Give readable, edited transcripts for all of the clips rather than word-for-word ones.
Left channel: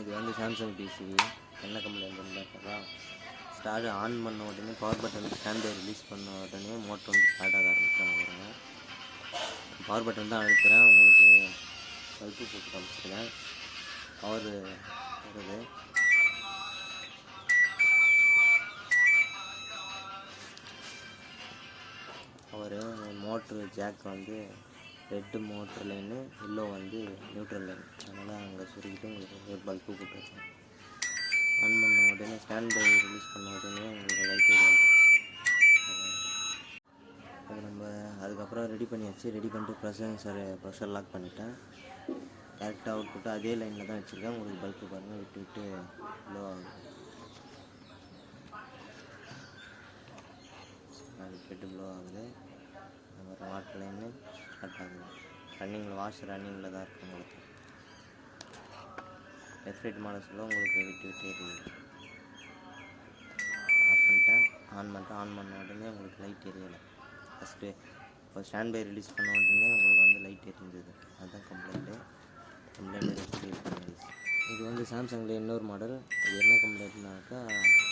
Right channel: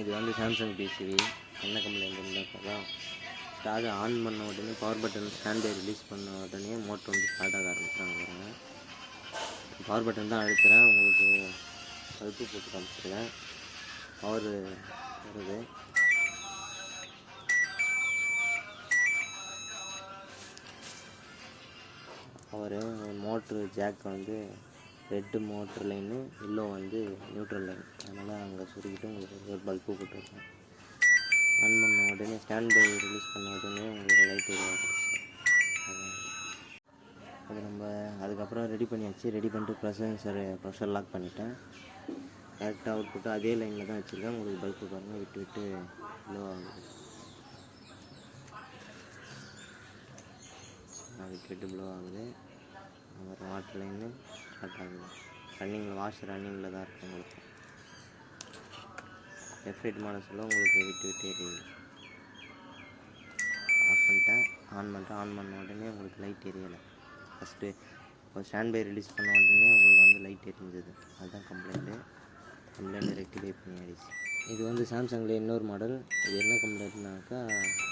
இது வந்து சாம்சங் பிசிவி. என்ன கம்ப்ளைண்ட் இருந்தாக்கா, ஸ்டார்ட் ஆன் பண்ண உடனே power button stand by release பண்ண உடனே மோட்டர் வந்து ஸ்டார்ட் ஆக ஆரம்பிச்சாங்க பாருங்கள். பவர் பட்டன் தான் அழுத்துறேன், உங்களுக்கு பல்பு போட்டு காமிச்சிருக்கேன். பவர் வருது. பவர் மோட்ரு ஜாக் வந்து ரெட்டு மோட்ரு லைனு, எல்லோ வந்து நியூட்ரல் லைன். அதனால் அங்கே சுருக்கிட்டு உங்களுக்கு ஒரு பல்பு போட்டுருக்கேன். ஆன் பண்ண உடனே ஸ்டாண்ட் பை ரிலீஸ் பண்ண உடனே உங்களுக்கு லைட் வரும். அது நம்ம அதுக்கப்புறம் ரெடி பண்ணியாச்சு. ரெடி பண்ணிட்டு ப்ரெஷர் லாக் பண்ணிட்டேன். கரெக்டாக அவுட் புட்டு அதே லைனில் தான் வச்சுருக்கேன். உங்களுக்கு பல்பு பாருங்கள் விட்டு விட்டு லோ ஆகுது. விட்டு ப்ளோ ஆகுது. அப்புறம் வாட்டர் லைனு ஸ்டார்ட் ஆகுது. ரன்னிங்கில் தான் இருக்குது. உங்களுக்கு எஃப்ரைட் மாடல்ஸில் உங்களுக்கு விட்டு எரியுது. ஆஃப் பண்ணிட்டேன். ஆன் பண்ண உடனே உங்களுக்கு லைட் எரியலை. ஃபஸ்ட்டு இப்போ ஸ்டாண்ட் பை ரிலீஸ் பண்ண உடனே உங்களுக்கு வந்து லைட் எரிஞ்சுது. அதுதான் கம்ப்ளைண்ட்டு ரெக்டிஃபை பண்ணிடுச்சு. இது வந்து சாம்சங்கில் இன்னொரு மாடல். இது என்ன கம்ப்ளைண்ட்னாக்கா,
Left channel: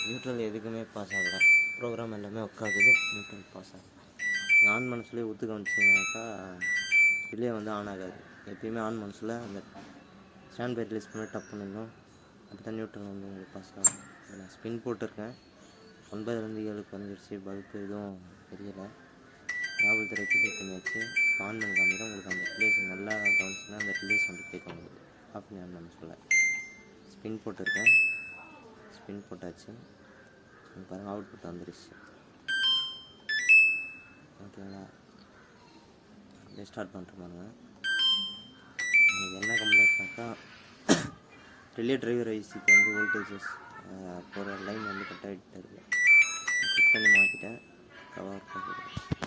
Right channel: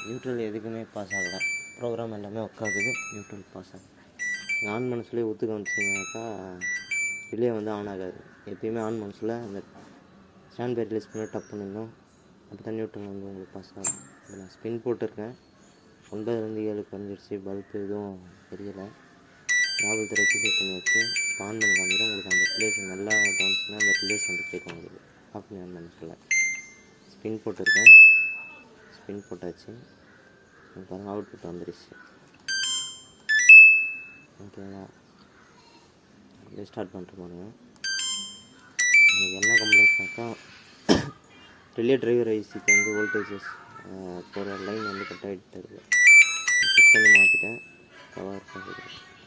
நியூட்ரல் எதுக்குமே பாஸ் ஆகலை. ப்ரோக்ராம் எல்லாமே ஒர்க் ஆகுது, நியூட்ரல் பாஸ் ஆகுது. ஆன் பண்ண சொல்லி ஒத்து காமிச்சிங்கனாக்கா ரிலே வந்து ஆன் ஆகாது. எப்பயுமே ஆன் பண்ண சொல்ல அந்த ஸ்டாண்ட் பை ரிலீஸ் பண்ணி டப் பண்ணிடணும். அப்போ தான் நியூட்ரல் வந்து உங்களுக்கு பாஸ் ஆகும். இதில் நான் ஸ்பின் போட்டிருக்கேன். 9லேருந்து 7 வந்துடுச்சு. பல்பு எதுவும் தெரியலை. ப்ராப்ளத்தை ரெக்டிஃபை பண்ணியாச்சு. இப்போ ஆன் பண்ணி காமிக்கிறேன். உங்களுக்கு அந்த ரிலேஸ் நல்லா கவனிச்சுன்னா அந்த ரிலேஸ் வந்து கேட்கும். உங்களுக்கு ஆஃப் பண்ணி ஆன் பண்ண சொல்ல ஸ்பின் போட்டிருக்கேன். ஸ்பின் போட்டாச்சு. பாருங்கள் அவுட் புட் வந்துடுச்சு. ஓகேங்களா? அப்படியே ஸ்டார்ட் பண்ணுற பாருங்க. எனக்கு என்ன கம்ப்ளைண்ட்னாக்கா, ரிலே டிரைவர் ஐசிக்கு வந்து வோல்டேஜஸ் போகிற லைன் வந்து கட் ஆகிட்டு இருக்குது. செக் பண்ணி மாற்றிட்டேன். கவர் பண்ணுறேன்.